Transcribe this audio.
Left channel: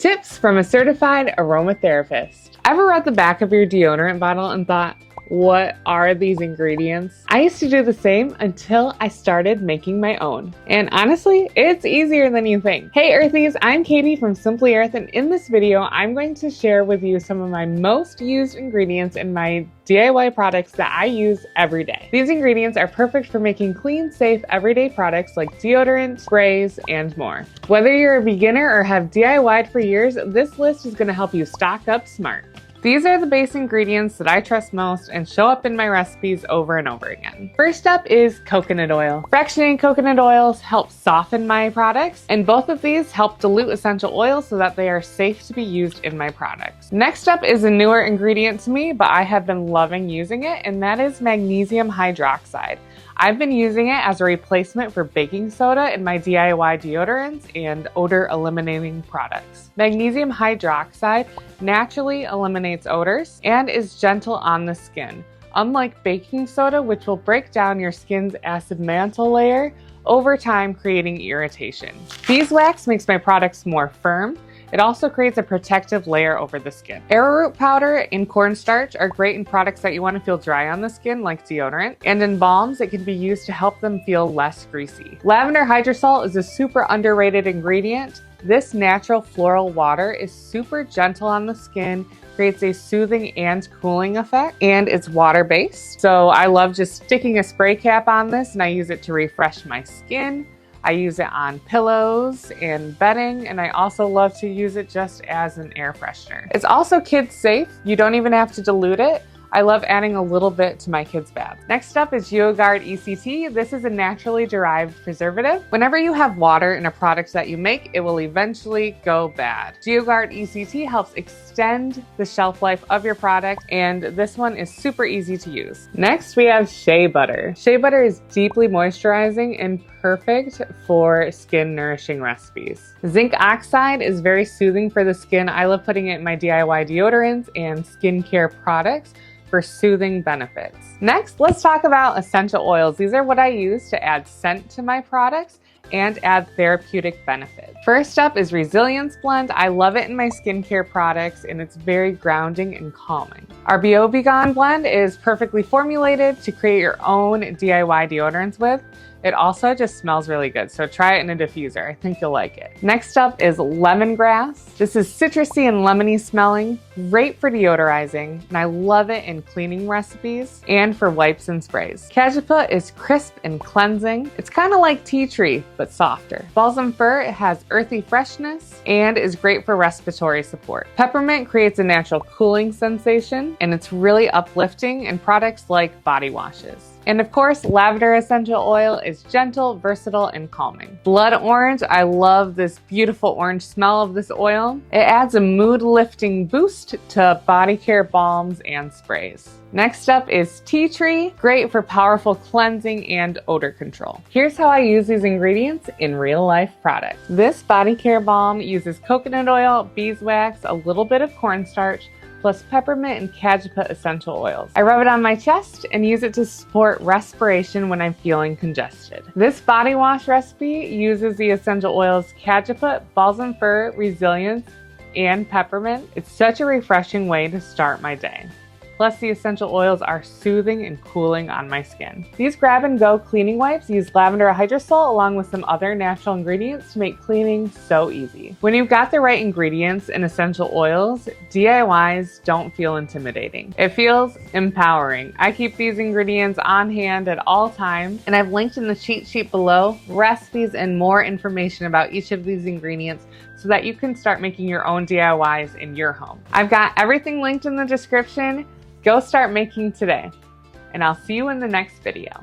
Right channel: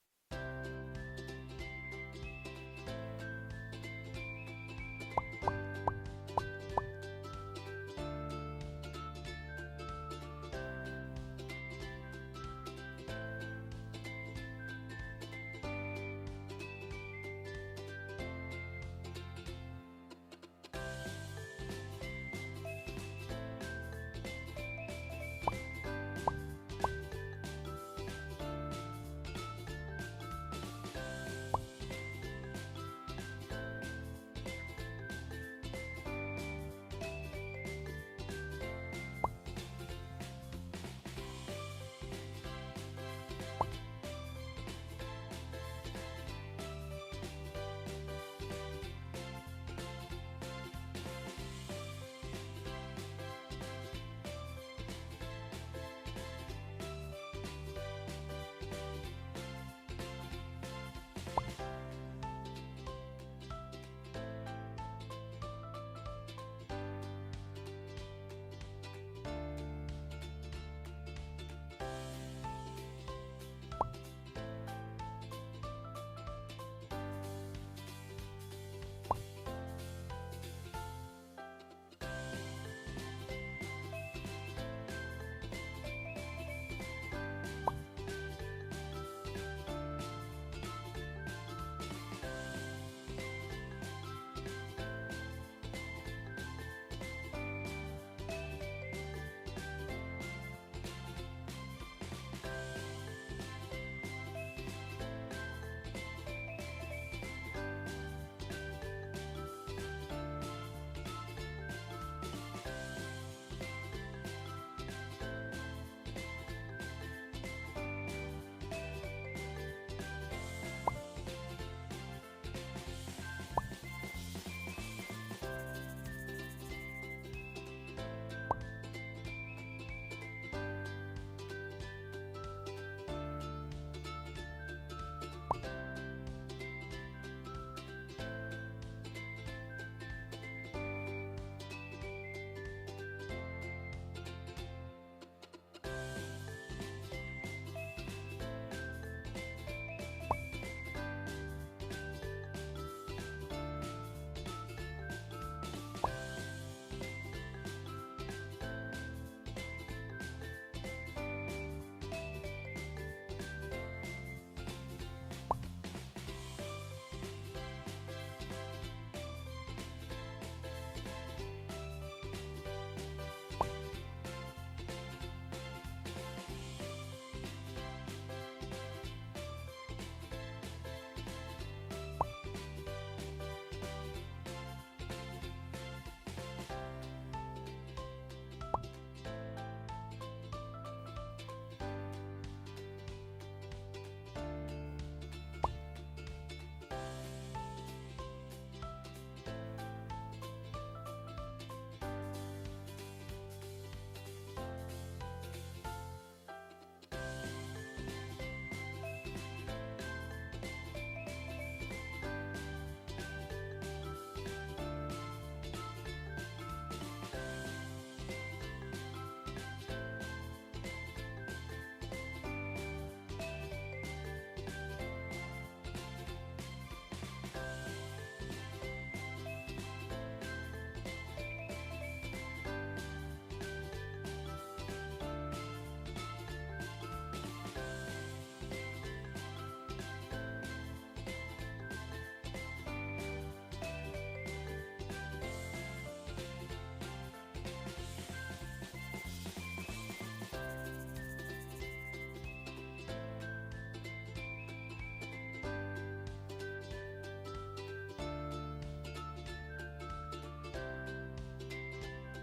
Tips from a certified aromatherapist. Ever read the back of your deodorant bottle and thought, what are these ingredients? I used to do the same until I started making my own. And honestly, it's easier than you think. Hey Earthies, I'm Katie from Simply Earth, and in this video, I'm going to share with you some of my most used ingredients in my DIY products that I use every day. These ingredients are perfect for making clean, safe, everyday products like deodorant, sprays, and more. Whether you're a beginner or have DIY'd for years, this list is going to help you stock up smart. These are the base ingredients that I trust most and show up in my recipes over and over again. First up is coconut oil. Fractionated coconut oils help soften my products, and both of these help dilute essential oils so that they are safe to be used in my products. Next up is a newer ingredient to me, but I have been loving using it, and that is magnesium hydroxide. I've been using it as a replacement for baking soda in my DIY deodorants and odor eliminating products. Magnesium hydroxide naturally eliminates odors and is gentle on the skin, unlike baking soda, which will break down your skin's acid mantle layer over time, creating irritation. Beeswax makes my products more firm. It also creates a protective layer over the skin. Arrowroot powder and cornstarch are great in products that you want to feel dry on the skin, like deodorant, and in balms, it can be used to help them feel less greasy. Lavender hydrosol is a super underrated ingredient. This natural floral water is super gentle on the skin, creates a soothing and cooling effect, and it's water-based. So I love just sticking a spray cap on this, and I use it to refresh my skin. I use it on pillows and bedding, and I also love to use it just as an air freshener. It's also kids safe. You don't even have to dilute it. I love adding a little bit to my kids' baths. Next up is GeoGuard ECT. This is a naturally derived preservative. Whenever you have water in a product that you make, it will eventually go bad. GeoGuard ECT helps extend the shelf life of your product, and this one is super easy to use. Next, we have shea butter. Shea butter is deeply moisturizing and perfect for skin nourishing recipes. Zinc oxide is very soothing for the skin. I love putting it in my DIY deodorants and skincare products for soothing benefits. Next, let's talk about essential oils. These are what I use to add scent to my products and add therapeutic benefits. First up is Resilience Blend. I love it in my skincare products, and it's very grounding and calming. Our Biobegon blend is perfectly formulated to create your own DIY deodorants with. It also just smells really good, so try it in a diffuser. I think you'll like it. Next up is lemongrass. This is citrusy and lemony smelling, great for deodorizing, and I love it in cleaning recipes and for wipes and sprays. Cajeput is crisp and cleansing. It's kind of like tea tree, but softer. Balsam fir, it has earthy freshness and is great for respiratory support. Peppermint creates a natural cooling sensation, and it's really uplifting in products like body washes. And of course, lavender essential oil is gentle, versatile, and calming. Blood orange, I love this beautiful orange smell of this oil. It adds a mood-lifting boost to body care balms and sprays. Next up is tea tree, great for powerful cleansing and odor control. Here's how I use these ingredients in real life products. This body care balm uses coconut oil, beeswax, a little bit of cornstarch, plus peppermint and cajeput essential oils. I rub it on my chest and use it to support respiration when I'm feeling congested. This body wash recipe uses the essential oils cajeput, balsam fir, resilience, and peppermint. It's such a refreshing way to start my day. Plus, the essential oils are soothing and cooling on my skin. These grab-and-go cleaning wipes use lavender hydrosol along with some other natural ingredients to make cleaning so easy. When you've got the right ingredients and essential oils, DIYs don't feel intimidating. It feels empowering. I keep these ingredients on hand at all times, and I've linked in the cheat sheet below recipes and more information about each of these ingredients so that you can start making your own DIYs in your home. I've got everything linked in the description. Go start making today, and I'll see you in the next video.